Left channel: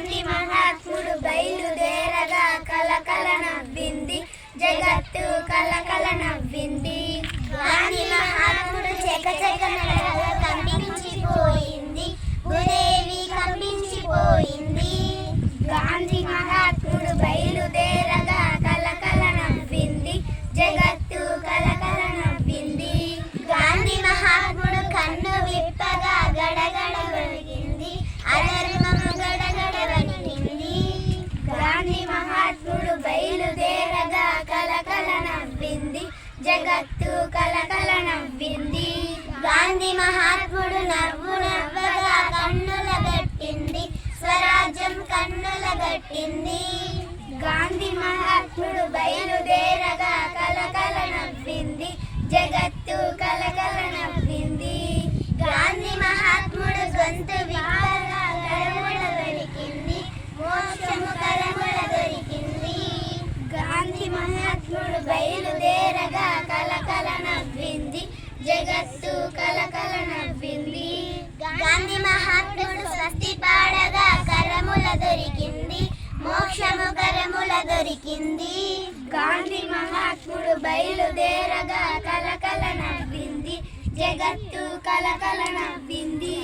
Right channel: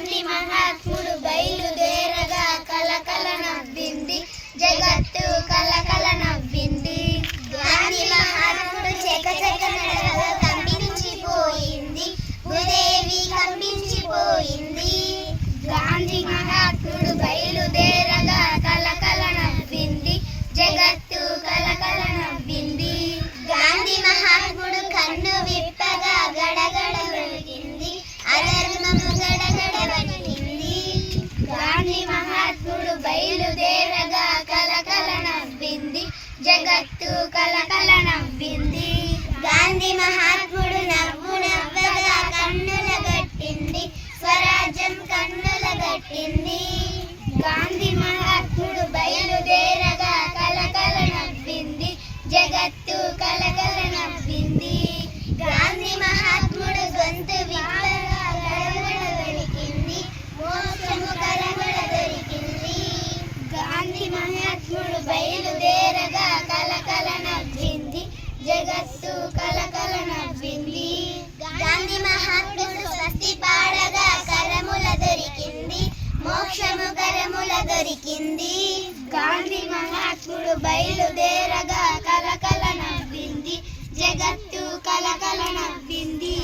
గాంధీ మహాత్ముడు బయలుదేరగా కలకల నవ్వింది జగత్ జగత్తు కలకల నవ్వింది గాంధీ మహాత్ముడు నవ్వు నవ్వగా కన్నుల గట్టింది. స్వరాజ్యం కన్నుల గట్టింది. గాంధీ మహా కృష్ణుడు బయలుదేరగా కలకల నవ్వింది. జగత్తు కలకల నవ్వింది. గాంధీ మహాత్ముడు స్వస్తి పాడగా కరముల దొరికింది. మోక్షము కరముల దొరికింది. గాంధీ మహాత్ముడు బయలుదేరగా కలకల నవ్వింది. జగత్తు కలకల నవ్వింది.